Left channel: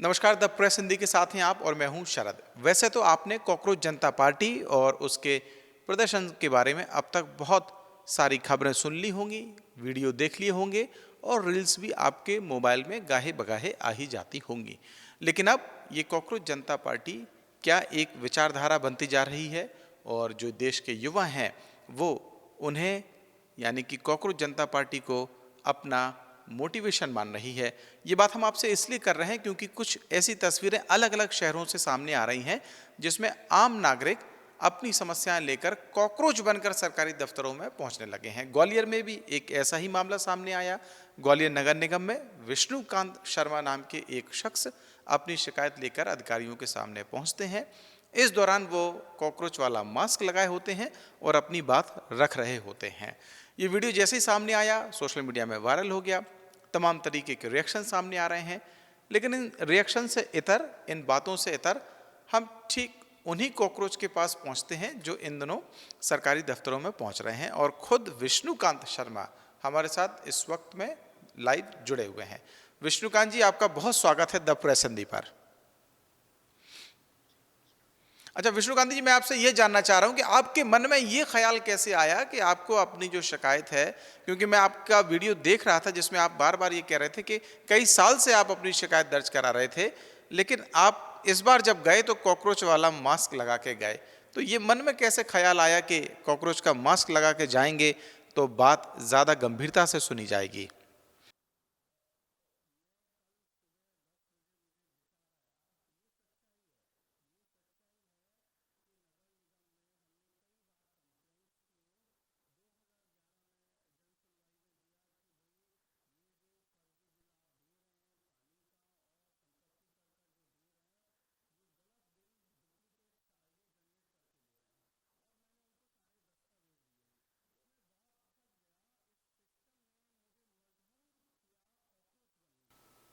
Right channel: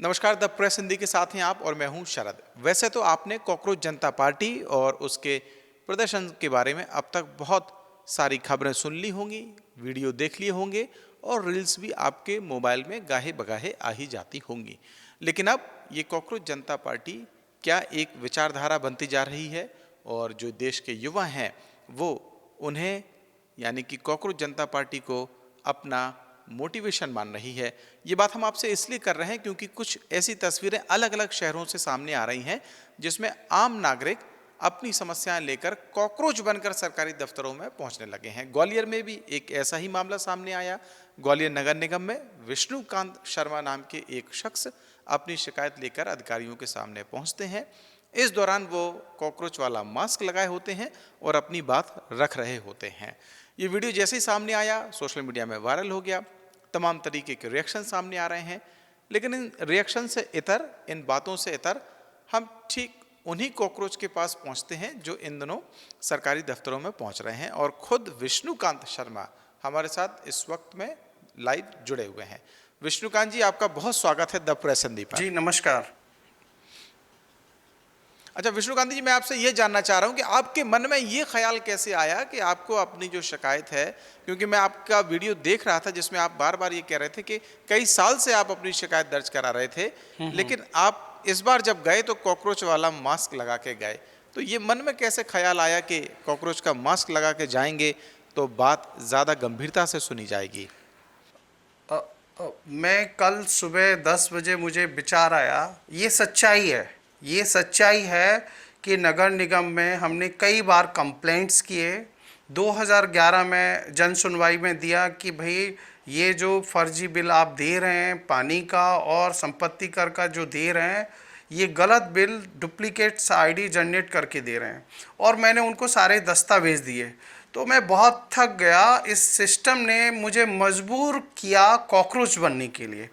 नमस्कार, the press Hindi के साथ हैं आप और मैं हूं शरद। वैसे तो आपने कॉकरोच जनता पार्टी और उसके प्रदर्शन के बारे में अब तक बहुत सारी खबरें सुन ली होंगी, वीडियो देख लिए होंगे और रील्स भी आपके मोबाइल में गाहे बगाहे आ ही जाती होंगी। लेकिन अब ये कॉकरोच जनता पार्टी क्या एक विचारधारा बनती जा रही है और जो देश के युवा हैं वो उन्हें यानी कि कॉकरोच जनता पार्टी को अपना मोटिवेशन मान रही है। ये बात हम आपसे इसलिए कर रहे हैं क्योंकि कुछ ऐसी तस्वीरें अलग अलग शहरों से सामने आ रही हैं जिसमें आम नागरिक अपनी समस्याएं लेकर कॉकरोच बनकर सरकारी दफ्तरों में पहुंचने लगे हैं। ग्वालियर में भी एक ऐसा ही मामला सामने आया। ग्वालियर नगर निगम में विष्णुकांत शर्मा नाम के एक शख्स अपनी शिकायत लेकर अधिकारियों के सामने पहुंचते हैं। इस दौरान वो कॉकरोच वाला मास्क लगाए होते हैं और अपनी बात रख रहे होते हैं। ये वीडियो जैसे ही सामने आया सोशल मीडिया में वायरल हो गया। तमाम तरीके के रिएक्शन सामने आ रहे हैं, लेकिन इन रिएक्शन से इतर, इन बातों से इतर हम ठीक उन्हीं कॉकरोच के पास पहुंचते हैं जो इन दिनों सरकारी दफ्तरों में पहुंच रहे हैं और खुद विष्णुकांत शर्मा हमारे साथ इस वक्त में लाइव जुड़े हुए हैं। विष्णुकांत जी, आपका बहुत स्वागत है द प्रेस हिंदी पर। जी नमस्कार। अच्छा विष्णुकांत जी, मैं आपसे ये जानना चाह रहा हूँ कि आपके मन में ये ख्याल कैसे आया कि आपको अपनी जो शिकायत है, क्योंकि मैं आपका वीडियो देख रहा था जिसमें आप बार बार ये कह रहे थे कि कई साल से आप अपनी शिकायत दर्ज करा रहे थे, लेकिन आप इस बार जब गए तो कॉकरोच वाला मास्क लगा के गए। तो ये मन में कैसे ख्याल आया कि कॉकरोच का मास्क लगा के जाएंगे तो बात ज़्यादा गंभीरता से सुनी जाएगी? मैं कल सुबह 10 बजे मुझे विचार आया, ये सच्चाई है, ये सच्चाई है कि नगर निगम में हमने कई बार कंप्लेंट्स किए। 2011 में जन सुनवाई में दिया कि भाई ये जो फर्जी बिल आप दे रहे हैं पानी का और संपत्ति कर का जो दे रहे हैं, ये गलत बिल डुप्लीकेट्स आईडी जनरेट करके दे रहे हैं, और मैंने उनको सारे दस्तावेज दिए। तो मैं बहुत थक गया, इस सिस्टम ने मुझे मजबूर किया कॉकरोच बनने के लिए।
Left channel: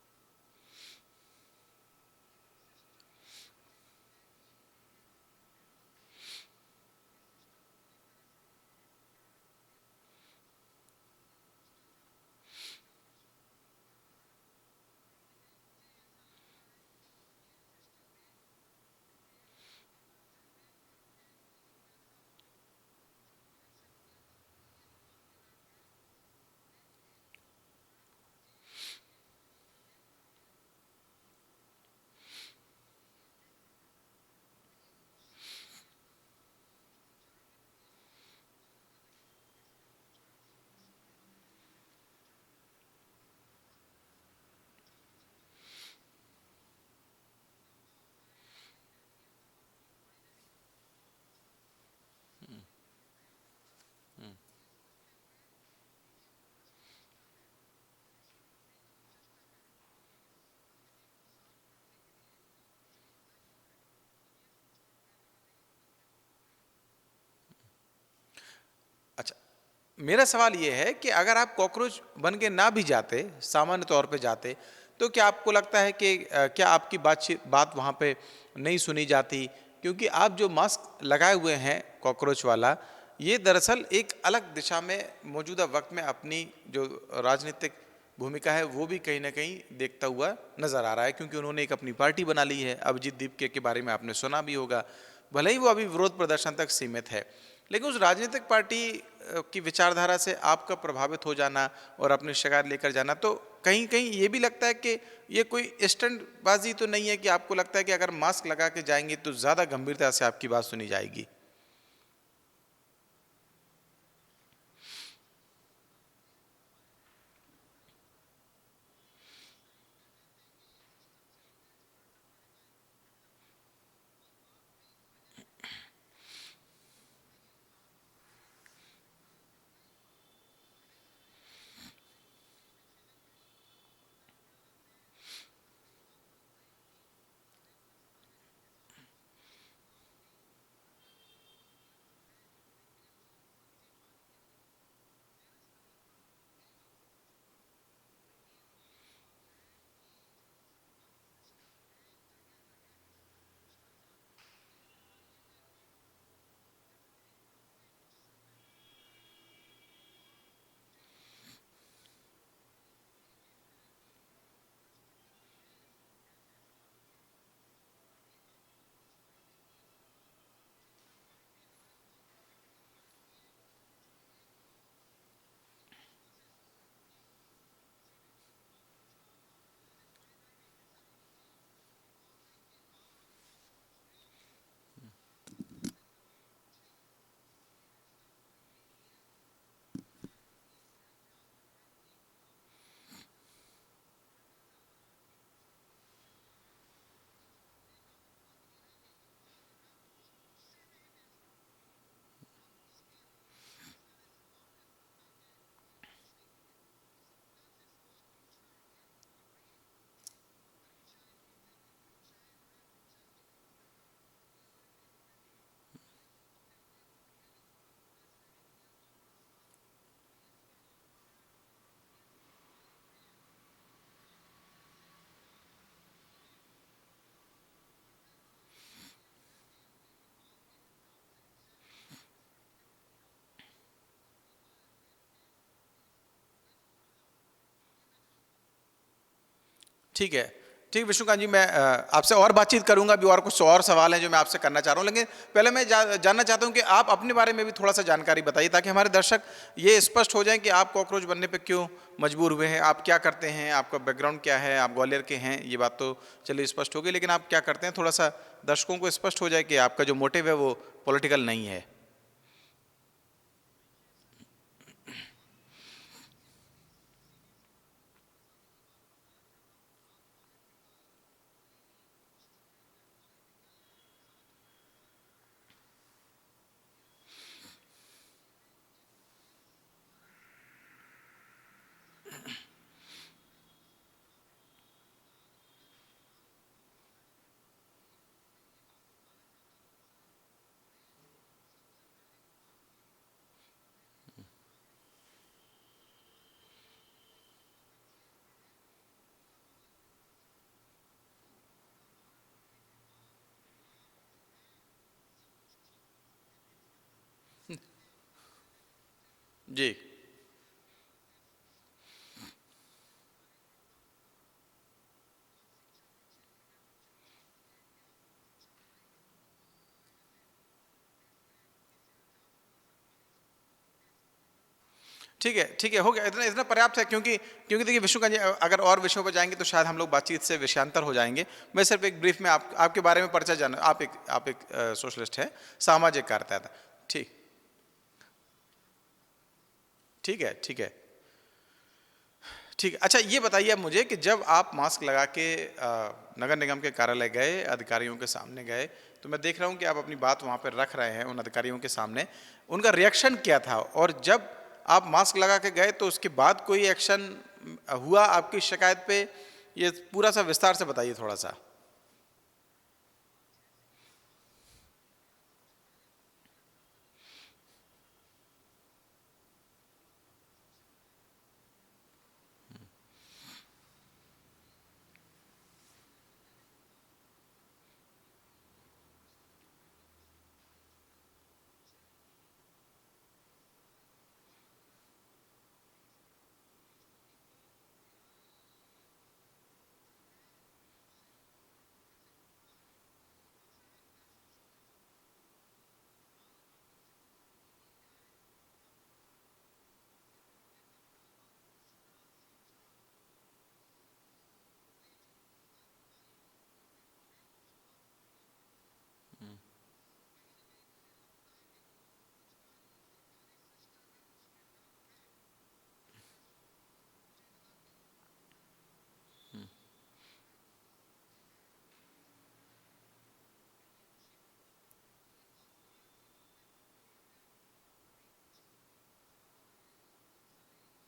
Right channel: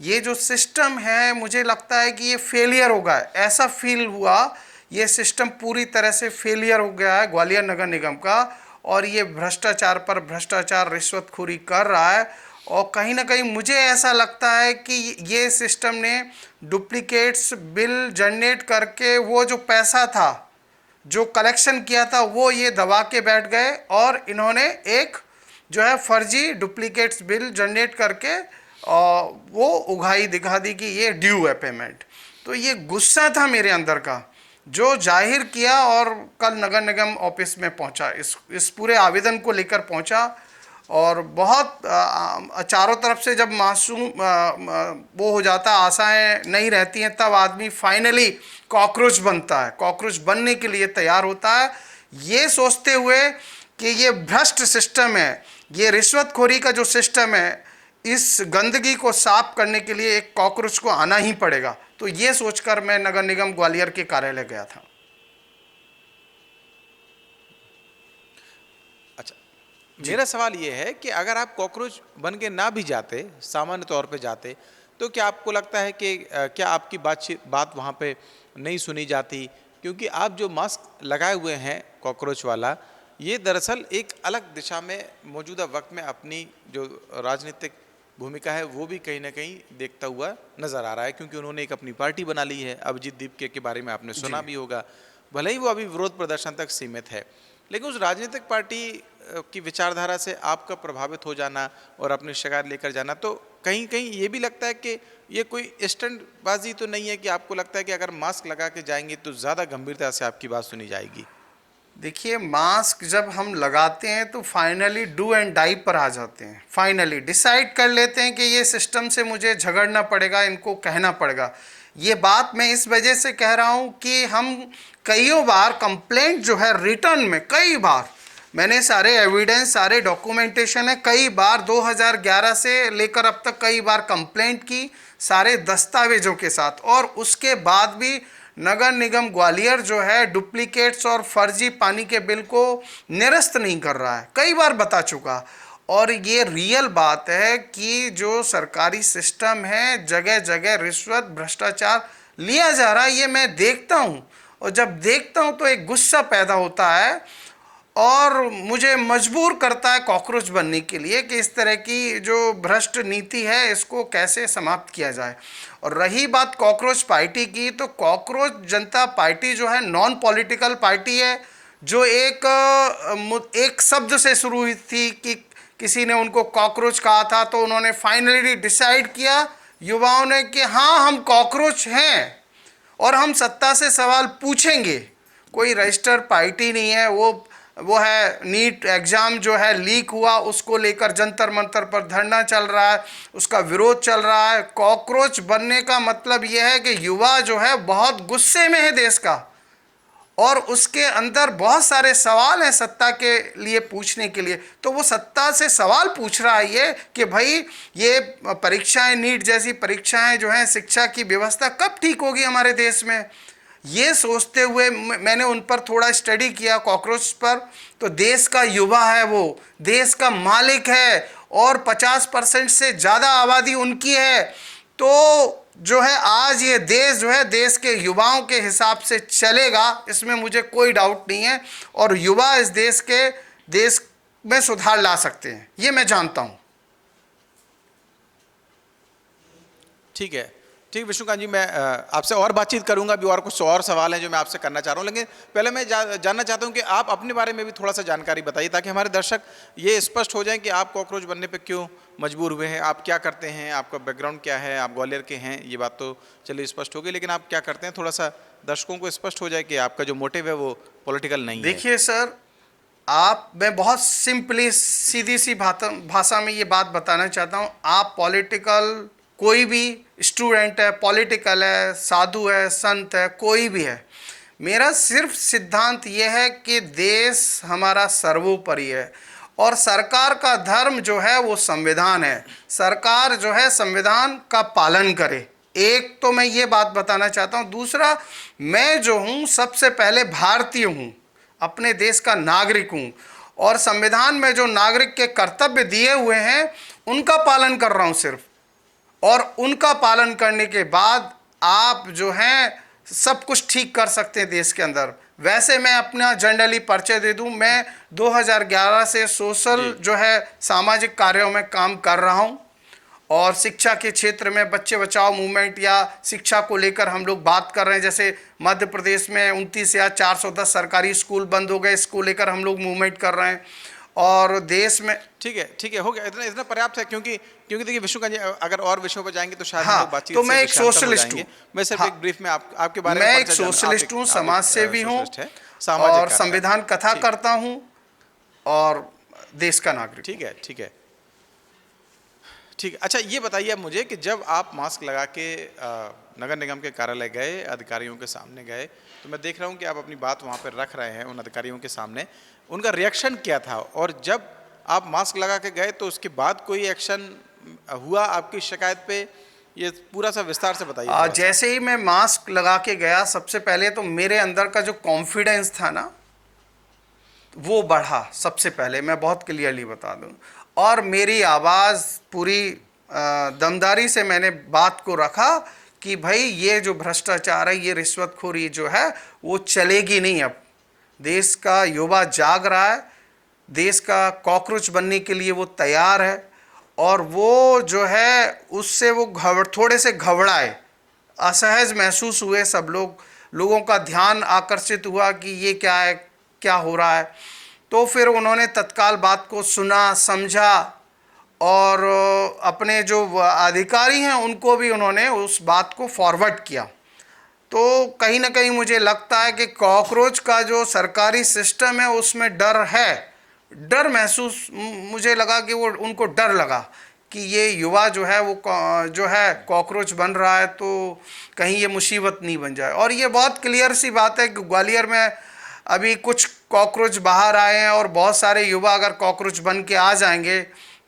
ये जो सिस्टम है मुझे लगता है कि ये फेलियर हो गया है, ऐसा फील हुआ। ये सिस्टम पूरी तरह से फेलियर हो गया है ग्वालियर नगर निगम का, और ये भ्रष्टाचार पर भ्रष्टाचार रिश्वतखोरी कर रहा है। और कहीं ना कहीं मुझे ऐसा लगता है कि ये सिस्टम ने डुप्लीकेट्स बिल जनरेट करके वो जो पैसा था जो कलेक्शन किया था वो ये दबा के बैठ गए, और इन्होंने एक जो है फर्जी डुप्लीकेट्स बिल जनरेट करके वो उगाही दिखा दी कि ये ड्यू है पेमेंट। तो ये गुस्सा था मेरे अंदर का जो जाहिर किया, और कल नगर निगम ऑफिस में पहुंचा, इस पूरे आवेदन को लेकर पहुंचा। और बहुत चारों तरफ से जब मासूम वो हो जाता, आशाएं नहीं रहती हैं, तब आदमी फाइनली कॉकरोच बनता है, कॉकरोच बनने के लिए तैयार होता है, ये सोचते हुए कि ये भ्रष्ट सिस्टम है, ये रिश्वतखोरी का जो सिस्टम है, इस गंदगी को साफ करने के लिए एक कॉकरोच को आना ही पड़ेगा। तो ये सोचकर मैं नगर निगम ग्वालियर के कार्यालय गया था। अच्छा, मेरा सवाल ये है कि अगर आप कॉकरोच बन के ना भी जाते, सामान्य तौर पे जाते, तो क्या आपको लगता है कि क्या आपकी बात वहाँ पे नहीं सुनी जाती? क्योंकि आप जो मास्क लगाए हुए हैं कॉकरोच वाला, ये दरअसल एक अलग दिशा में मौजूदा वक्त में अपनी जो राजनीतिक भूमिका है वो भी कहीं ना कहीं देखता हुआ नजर आ रहा है, क्योंकि उन्होंने एक अपनी पार्टी बना ली है। अभिजीत दीपके के बारे में आपने सुना भी होगा, भले ही वो अभी विरोध प्रदर्शन तक सीमित है, लेकिन उस राजनीतिक पार्टी की विचारधारा से आपका प्रभावित हो जाना और अपनी शिकायत लेकर जाना, तो कहीं कहीं ये भी लगता है कि ये कोई स्टंटबाजी तो नहीं है कि आपको लगता है कि अगर मास्क लगा के जाएंगे तो ज़्यादा गंभीरता से आपकी बात सुनी जाएगी? देखिए, मास्क जब हम लगाते हैं तो फाइनली डू एंड डाई पर आ जाते हैं, फाइनली डिसाइड कर लेते हैं कि ये सिस्टम से मुझे झगड़ना पड़ेगा, इनको कहना पड़ेगा। ये बात मैं इस वजह से कह रहा हूँ कि हम कईयों बार कंप्लेंट जो है रिटर्न में, कई बार मैंने सारे एविडेंस, सारे डॉक्यूमेंटेशन है, कई बार 2011 से लेकर अब तक कई बार कंप्लेंट की सारे दस्तावेजों के साथ, और उसके बाद भी नगर निगम ग्वालियर जो है डुप्लीकेट्स और फर्जी पानी के बिल को निरस्त नहीं कर रहा है, कई बार बता चुका। और ये रियल बात है कि जो सरकारी सिस्टम है जगह जगह रिश्वत भ्रष्टाचार लिया जा रहा है, ये मैं देखता हूँ, और जब देखता हूँ तो एक गुस्सा पैदा होता है। और मुझे मजबूर करता है कॉकरोच बनने के लिए कि इस तरह की जो भ्रष्ट नीति है इसको कैसे समाप्त किया जाए। और रही बात कॉकरोच पार्टी की, तो कॉकरोच जनता पार्टी जो है नॉन पॉलिटिकल पार्टी है, जो एक शब्द से शुरू हुई थी कि किसी ने उनको कॉकरोच कहा था, तो उन्होंने फाइनली डिसाइड किया युवाओं ने कि हाँ हम कॉकरोच हैं और हम सत्ता से सवाल पूछेंगे। कोई रजिस्टर पार्टी नहीं है, वो है नीट एग्जाम जो है लीक हुआ, उसको लेकर जंतर मंतर पर धरना चल रहा है, उसका विरोध चल रहा है। कॉकरोच बनने का मतलब यह है कि युवा जो है बहुत गुस्से में है देश का, और उसके अंदर बहुत सारे सवाल हैं सत्ता के लिए पूछने के लिए। तो वो सत्ता से सवाल पूछ रहा है ये कि भाई ये परीक्षाएं, नीट जैसी परीक्षाएं जो हैं, शिक्षा की व्यवस्था कब ठीक होगी हमारे देश में। ये सोचते हुए मैंने उन पर थोड़ा स्टडी किया कॉकरोच पर। तो देश का युवा है, वो देश का मालिक है और 50% से ज़्यादा आबादी उनकी है। तो जो है आज ये देश जो है देश के युवाओं के हिसाब से चलेगा, इसमें मुझे कोई डाउट नहीं है। और युवा इस देश में सुधार ला सकते हैं, ये मैं जानता हूँ। ठीक है, ठीक विष्णुकांत जी, मैं आपसे और बातचीत करूंगा। अभी और कुछ और सवाल हैं जो मैं आपसे करना चाह रहा हूं, लेकिन पहले मैं जानना चाहता हूं कि आप अपने बारे में भी थोड़ा सा जानकारी बताइए, ताकि हमारे दर्शक ये स्पष्ट हो जाएं कि आप कॉकरोच बनने पे क्यों मजबूर हुए हैं, आप क्या करते हैं, आपका बैकग्राउंड क्या है, आप ग्वालियर के हैं, ये बात तो चलिए स्पष्ट हो गई, लेकिन आप क्या करते हैं, थोड़ा सा दर्शकों को स्पष्ट हो जाए कि आपका जो मोटिव है वो पॉलिटिकल नहीं है। देखिए सर, मैं बहुत सिंपली सीधी सी भाषा में ये बात बताना चाहता हूँ। आप पॉलिटिकल, कोई भी स्टूडेंट है, पॉलिटिकल है, साधु है, संत है, कोई भी है, मेरा सिर्फ सिद्धांत ये है कि देश हमारा सर्वोपरि है और सरकार का धर्म जो है वो संविधान है। सरकार जो है संविधान का पालन करे। एक तो मैं ये बात बताना चाहता हूँ। दूसरा, मैं जो हूँ सबसे पहले भारतीय हूँ, अपने देश का नागरिक हूँ, और संविधान में जो नागरिक के कर्तव्य दिए हुए हैं उनका पालन कर रहा हूँ सिर्फ। और उनका पालन करने के बाद आप जो हैं सब कुछ ठीक कर सकते हैं देश के अंदर। वैसे मैं अपना जनरली परिचय दे दूं, मैं 2011 से सोशल जो है सामाजिक कार्यों में काम कर रहा हूं, और शिक्षा के क्षेत्र में बच्चे बचाओ मूवमेंट या शिक्षा को लेकर हम लोग बात कर रहे हैं। जैसे मध्य प्रदेश में 29 या 410 सरकारी स्कूल बंद हो गए, इसको लेकर हम लोग मूवमेंट कर रहे हैं। और देश में ठीक है, हो गया, इतना इतना पर्याप्त है, क्योंकि देखिए विष्णुकांत जी, अगर और विषयों पर जाएंगे तो शायद हम लोग बातचीत तो से मैं एक विषयांतर हो जाएंगे। मैं सिर्फ एक ब्रीफ में आपके बारे में मैं एक परिचय जानना। सोशलिस्ट हूँ, समाज सेवी हूँ, सोशलिस्ट है, सामाजिक और कार्यकर्ता। संविधान कथा ठीक, करता हूँ और देश का नागरिक। ठीक है, ठीक है, ठीक है। अच्छा, ये बताइए अब मुझे कि जब आप मास्क लगा के नगर निगम के कार्यालय गए, अधिकारियों के सामने गए, तो मैं देख रहा हूँ कि आप अपनी बात वहाँ पर रख रहे हैं उन अधिकारियों के सामने, उनका रिएक्शन क्या था? और जब आप मास्क लगा के गए तो उसके बाद कोई एक्शन हुआ आपकी शिकायत पे? ये पूरा सा विस्तार से बताइए थोड़ा सा। जैसे ही मैं मास्क लगा के गया, सबसे पहले तो मेरे अंदर का जो कॉन्फिडेंस था ना वो बढ़ा। सबसे पहले मैं बहुत क्लियरली बता दूं, और मेरी आवाज़ पूरी दमदारी से मैंने बात को रखा कि भाई ये जो भ्रष्टाचार है, ये रिश्वतखोरी जो है वो चलेगी नहीं। अब देश का युवा जाग रहा है, देश का कॉकरोच बनने के लिए वो तैयार है, और वो जो है उससे वो थोड़े से घबराए, असहज महसूस हुए सब लोगों का ध्यान आकर्षित हुआ कि ये क्या है, क्या हो रहा है। तो फिर उन्होंने तत्काल बात को सुना, समझा, और अपने जो अधिकारी हैं उनको भी उन्होंने उस बात को फॉरवर्ड किया। तो कहीं ना कहीं मुझे लगता है कि कॉकरोच का जो सरकारी सिस्टम है उसमें डर है, डर महसूस मुझे लगा कि वो उनको डर लगा कि ये युवा जो है वो जो है कॉकरोच बन रहा है, तो कहीं ये मुसीबत नहीं बन जाए। और ये बहुत क्लियर सी बात है कि ग्वालियर में अभी कुछ कॉकरोच बाहर आए हैं, और बहुत सारे युवा अगर कॉकरोच बन के आ जाएंगे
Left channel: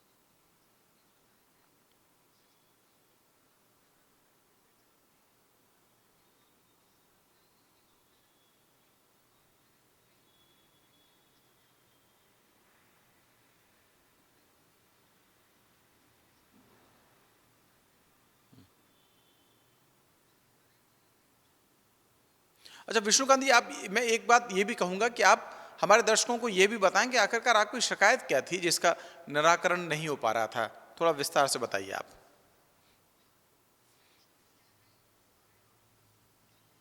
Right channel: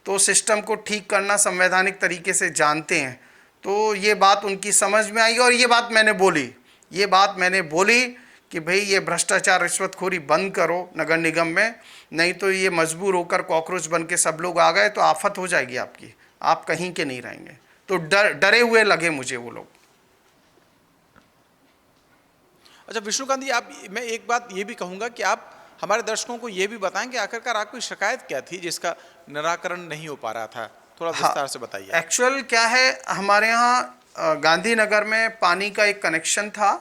तो सिस्टम को ठीक करना संवैधानिक तरीके से जानते हैं। तो ये बात उनकी समझ में आई, और ये बात मैंने बोली कि भाई ये भ्रष्टाचार, रिश्वतखोरी बंद करो नगर निगम में, नहीं तो ये मजबूर होकर कॉकरोच बन के सब लोग आ गए तो आफत हो जाएगी आपकी, आप कहीं के नहीं रहेंगे। तो डरे हुए लगे मुझे वो लोग। अच्छा विष्णुकांत जी, मैं एक बात ये भी कहूँगा कि आप हमारे दर्शकों को ये भी बताएं कि आखिरकार आपकी शिकायत क्या थी जिसका निराकरण नहीं हो पा रहा था, थोड़ा विस्तार से बताइए आप। एक्चुअल क्या है, हमारे यहाँ गांधीनगर में पानी का एक कनेक्शन था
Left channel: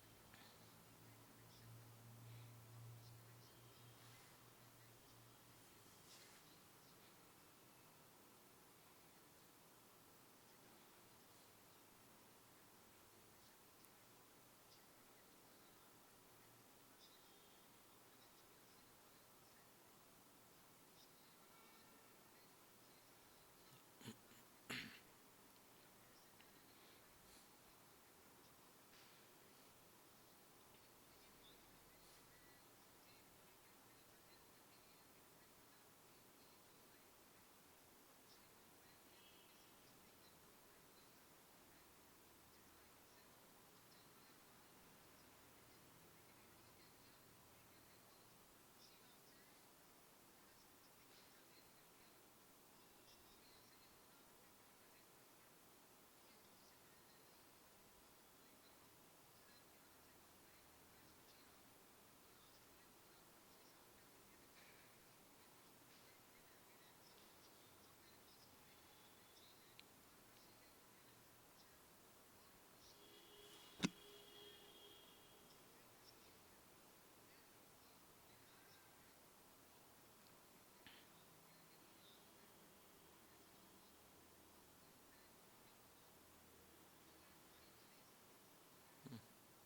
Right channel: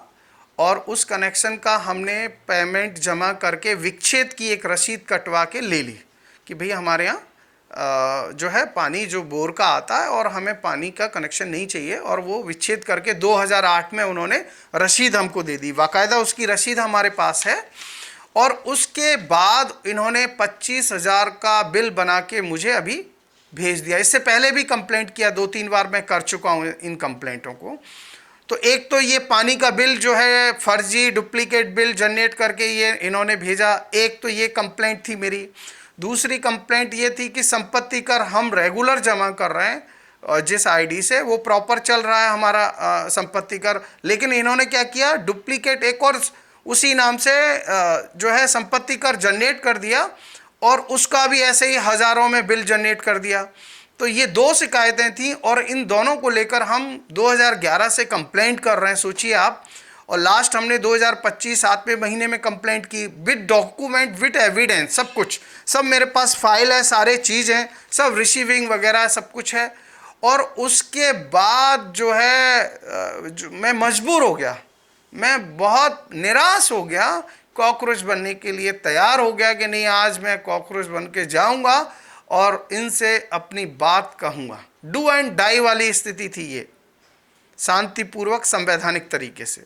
और उस कनेक्शन का हमने पेमेंट जमा करके विच्छेद की एक रसीद कटवा के ले ली कि भाई हमारे यहाँ जो है पानी जो बोर का आता है और हमें पानी का कनेक्शन नहीं चाहिए, और वो विच्छेद करके 2008 में उन्होंने रसीद हमको दे दी, बाकायदा उसकी रसीद हमारे पास है। और उसके बाद इन्होंने 25,000 का बिल बना के मुझे अभी भेज दिया। इससे पहले भी कंप्लेंट किया, 2-3 बार मैं कर चुका हूँ इन कंप्लेंटों को। तो एक तो ये पानी का बिल जो है फर्जी डुप्लीकेट बिल जनरेट करके ये इन्होंने भेजा, एक तो ये कंप्लेंट थी मेरी। दूसरी कंप्लेंट ये थी कि संपत्ति कर हम रेगुलर जमा कर रहे हैं और जिस आईडी से वो प्रॉपर चल रहा है हमारा संपत्ति कर, लेकिन इन्होंने क्या किया, डुप्लीकेट एक और उसी नाम से जो है संपत्ति कर जनरेट कर दिया और उसका भी ऐसे ही हज़ारों में बिल जनरेट कर दिया। तो ये 2 शिकायतें थी और इन दोनों को लेकर हम 2011 से कंप्लेंट कर रहे हैं, सोचिए आप। और लास्ट हमने 2025 7वें महीने में कंप्लेंट की विद डॉक्यूमेंट विद एविडेंस, सब कुछ, सब मेरे पास फाइल है, सारे चीज़ हैं, सब रिसीविंग वगैरह सब कुछ है। और उसके बाद जो है मैं मजबूर हो गया, मैं बहुत निराश हो गया, कॉकरोच बनने के लिए तैयार हो गया कि नहीं आज मैं कॉकरोच बन के जाऊंगा और इनसे अपनी बात कहूंगा। डू एंड डाई वाली स्थिति थी ये, शांतिपूर्वक संवैधानिक तरीके से।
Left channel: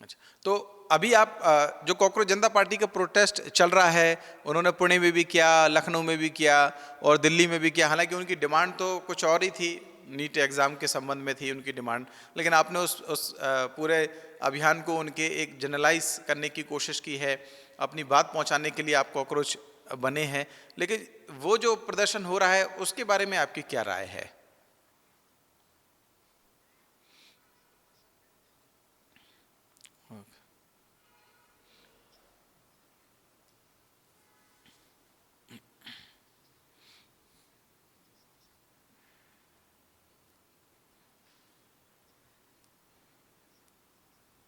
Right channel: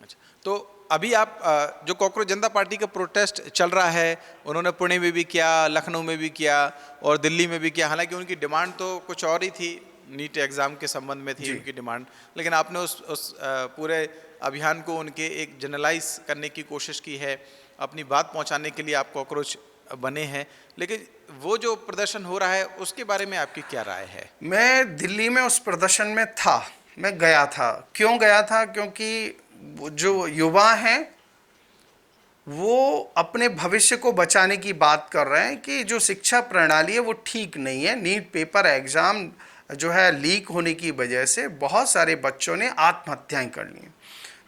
अच्छा, तो अभी आप जो कॉकरोच जनता पार्टी का प्रोटेस्ट चल रहा है, उन्होंने पुणे में भी किया, लखनऊ में भी किया और दिल्ली में भी किया, हालांकि उनकी डिमांड तो कुछ और ही थी, नीट एग्ज़ाम के संबंध में थी उनकी डिमांड, लेकिन आपने उस पूरे अभियान को उनके एक जनरलाइज करने की कोशिश की है, अपनी बात पहुंचाने के लिए आप कॉकरोच बने हैं। लेकिन वो जो प्रदर्शन हो रहा है उसके बारे में आपकी क्या राय है? मैं दिल्ली में उस प्रदर्शन में था, मैं गया था। क्यों गया था? क्योंकि जो युवा हैं वो अपने भविष्य को बचाने की बात कर रहे हैं कि जो शिक्षा प्रणाली है वो ठीक नहीं है। नीट पेपर एग्ज़ाम जो है लीक होने की वजह से बहुत सारे बच्चों ने आत्महत्याएं कर ली।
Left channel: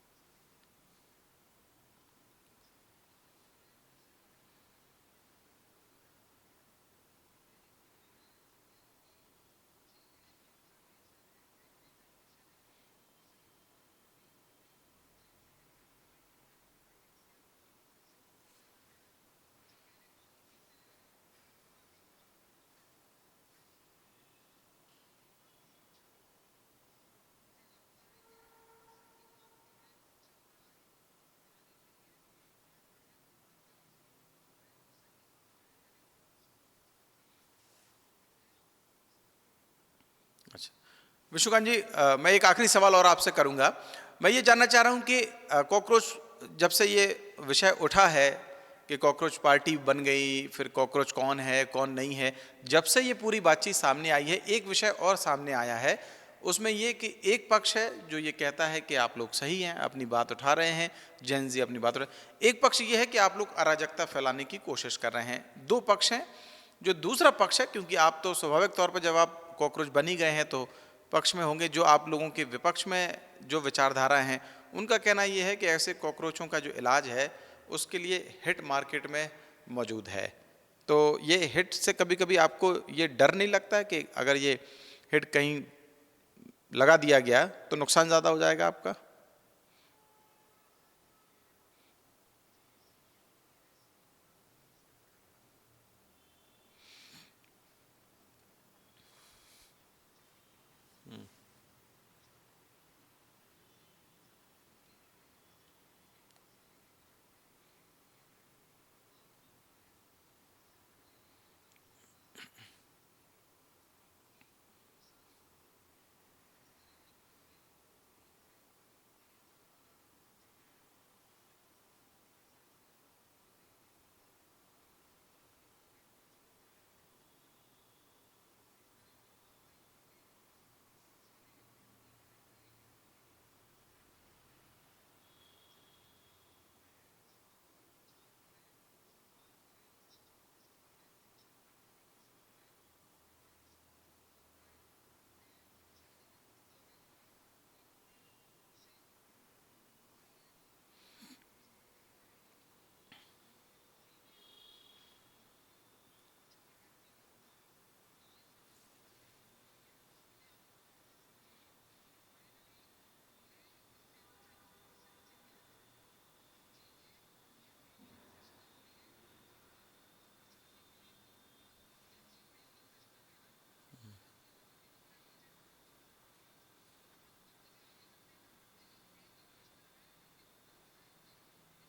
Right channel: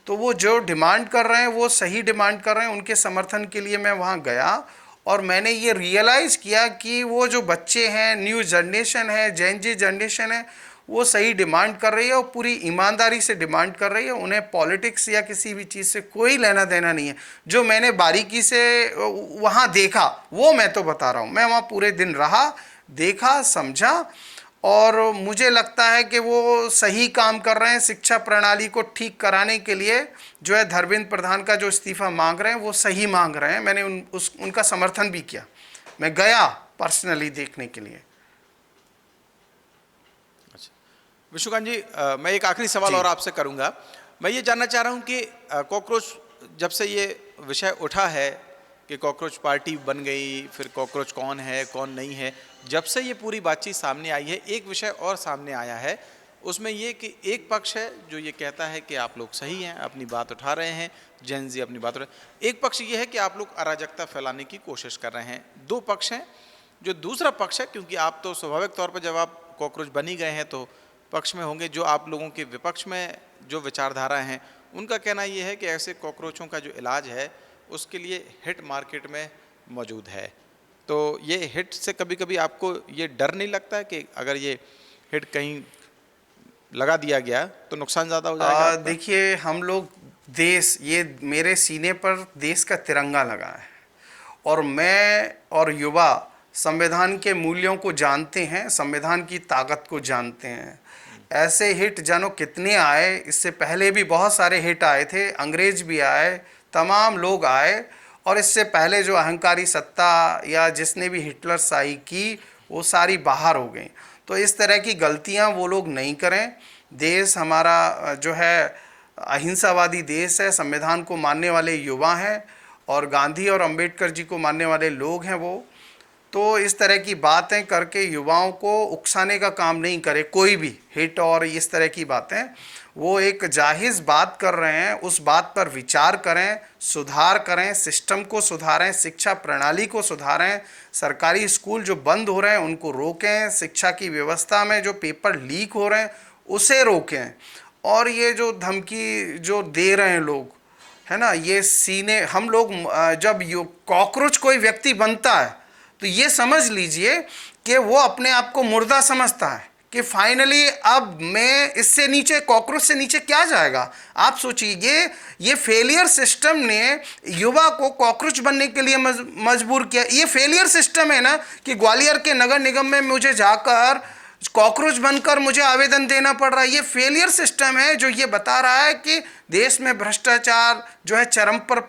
तो वो जो डिमांड कर रहे हैं वो सही डिमांड कर रहे हैं, उनके समर्थन के लिए मैं वहाँ गया और मैंने ये रियलाइज़ किया कि वो जो बच्चे हैं, न्यू जनरेशन है, जेन जी जनरेशन है, वो सही डिमांड कर रही है और पूरी ईमानदारी से डिमांड कर रही है। उन्हें पॉलिटिक्स या किसी भी चीज़ से कोई लेना देना नहीं है। जो मैंने बारीकी से वहाँ देखा वो मैं तो बता रहा हूँ, मैं वहाँ पूरे दिन रहा, देखा, समझा और मुझे लगता है कि वो सही काम कर रहे हैं। शिक्षा प्रणाली को ठीक कराने के लिए जो है धर्मेंद्र प्रधान का जो इस्तीफा मांग रहे हैं वो सही मांग रहे हैं। मैंने उनका समर्थन भी किया, मैं गया पर्सनली देखने के लिए। अच्छा, विश्वकांत जी, मैं एक आखिरी सवाल और आपसे करूंगा। मैं ये जानना चाह रहा हूं कि कॉकरोच जब से ये विषय उठा है कि कॉकरोच पार्टी बन गई, फिर कॉकरोच कौन है कौन नहीं है, जब से ये पूरी बातचीत सामने आई है, एक विषय और सामने आया है, उसमें ये कि एक पक्ष है जो ये कहता है कि आप लोग सही हैं, अपनी बात उठा रहे हैं, जेन जी अपनी बात उठा, एक पक्ष ये है कि आप लोग अराजकता फैलाने की कोशिश कर रहे हैं। 2 पक्ष हैं। जो दूसरा पक्ष है, क्योंकि आप तो स्वाभाविक तौर पर जब आप कॉकरोच बन ही गए हैं तो पक्ष में होंगे, जो आप लोगों के विपक्ष में जो विचारधारा हैं उनका कहना ये है कि ऐसे कॉकरोचों का जो इलाज है उसके लिए हिट मार्केट में मौजूद है। तो ये हिट से कभी कभी आपको ये डर नहीं लगता कि अगर ये हिट कहीं लगा दिया गया तो नुकसान ज़्यादा हो जाएगा आपका? देखिए, हम लोग देश, ये मेरे सीने पर देश का तिरंगा लगा है और मैं और युवा संविधान के मूल्यों को जानते हैं, संविधान की ताकत को जानते हैं। ऐसे हिट जानो कितने आए, इससे पहले भी बहुत सारे हिट आए थे, अंग्रेज भी आए, तमाम लोग आए, और इससे पहले जो अहंकारी सत्ता या जिसने भी हिटलर शाही की वो सारी बाहर हो गई। तो इस तरह की गलतियां वो लोग नहीं करें। देश हमारा जो है अहिंसावादी देश है, संविधान को मानने वाले युवा हैं और गांधी और अंबेडकर जी को मानने वाले लोग हैं वो। तो इस तरह की बातें करके युवाओं को उकसाने का काम नहीं करे कोई भी, हिट और इस तरह की बातें। वो एक जाहिज़ बात कर रहे हैं, उस बात पर विचार करें, सुधार करें, सिस्टम को सुधारें, शिक्षा प्रणाली को सुधारें, सरकारी स्कूल जो बंद हो रहे हैं उनको रोकें, शिक्षा की व्यवस्था में जो पेपर लीक हो रहे हैं उसे रोकें और ये जो धमकी जो दे रहे हैं लोग, है ना, ये सीने हम लोग जब यो कॉकरोच कोई व्यक्ति बनता है तो ये समझ लीजिए कि वो अपने आप को मुर्दा समझता है कि फाइनली अब मैं इससे नीचे, कॉकरोच से नीचे क्या जाएगा। आप सोचिए, ये फेलियर सिस्टम ने युवा को कॉकरोच बनने के लिए मजबूर किया। ये फेलियर सिस्टम है ना कि ग्वालियर के नगर निगम में मुझे जाकर कॉकरोच बनकर मुझे आवेदन देना पड़ रहा है। ये फेलियर सिस्टम है जो ये बता रहा है कि देश में भ्रष्टाचार जो है चरम पर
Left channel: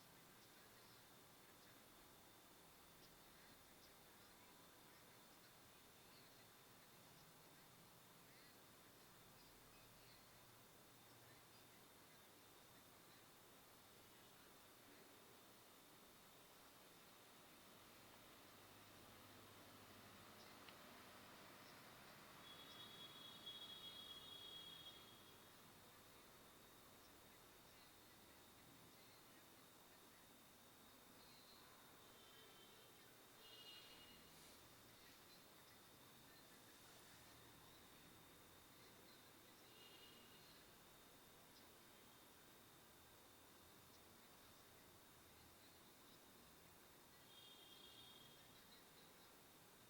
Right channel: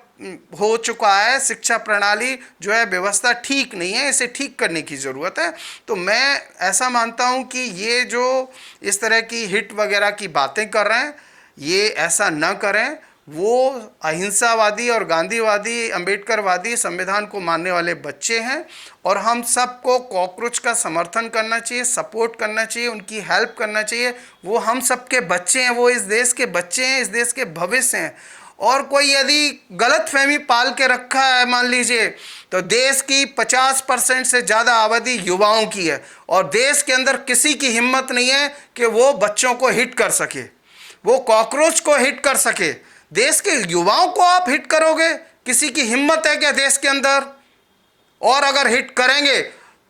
हो चुका है, शिक्षा प्रणाली जो है व्यवस्था ठीक नहीं है, इसे ठीक करने की ज़रूरत है। तो मैं ऐसा मानता हूं कि ये जो इस तरह की हिट वगैरह की बातें कर रहे हैं, ये ऐसा न करें। वो अहिंसावादी और गांधीवादी, अंबेडकरवादी संविधान को मानने वाले बच्चे हैं और हम सबको कॉकरोच का समर्थन करना चाहिए, सपोर्ट करना चाहिए, उनकी हेल्प करना चाहिए। वो हम सबके बच्चे हैं, वो इस देश के बच्चे हैं, इस देश के भविष्य हैं। और कोई यदि गलत फहमी पाल के रखा है, मान लीजिए, तो देश की 50% से ज़्यादा आबादी युवाओं की है और देश के अंदर किसी की हिम्मत नहीं है कि वो बच्चों को हिट कर सके, वो कॉकरोच को हिट कर सके। देश के युवाओं को आप हिट करोगे, किसी की हिम्मत है क्या देश के अंदर? और अगर हिट करेंगे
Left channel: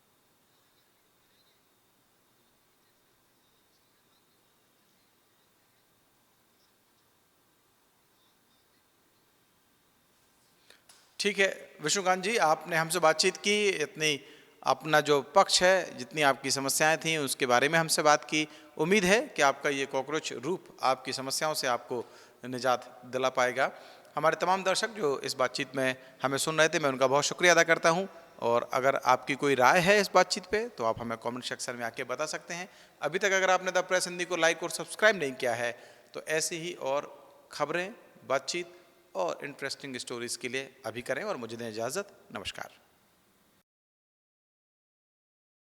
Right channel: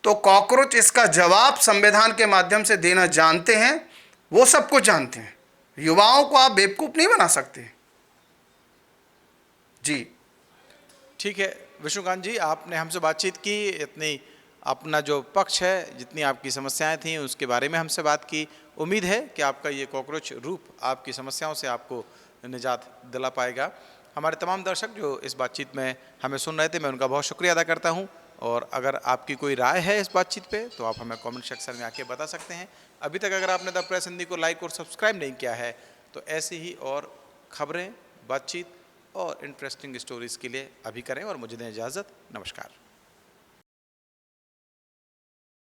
तो कॉकरोच इसका जवाब संविधान के माध्यम से देना जानते हैं, वो सब कुछ जानते हैं। युवाओं को आप बेवकूफ़ नहीं बना सकते। जी ठीक है विष्णुकांत जी, आपने हमसे बातचीत की, इतनी अपना जो पक्ष है, जितनी आपकी समस्याएं थीं उसके बारे में हमसे बात की। उम्मीद है कि आपका ये कॉकरोच रूप आपकी समस्याओं से आपको निजात दिला पाएगा। हमारे तमाम दर्शक जो इस बातचीत में हमें सुन रहे थे, मैं उनका बहुत शुक्रिया अदा करता हूं। और अगर आपकी कोई राय है इस बातचीत पे तो आप हमें कमेंट सेक्शन में आके बता सकते हैं। अभी तक अगर आपने द प्रेस हिंदी को लाइक और सब्सक्राइब नहीं किया है तो ऐसी ही और खबरें, बातचीत और इंटरेस्टिंग स्टोरीज़ के लिए अभी करें और मुझे दें इजाज़त। नमस्कार।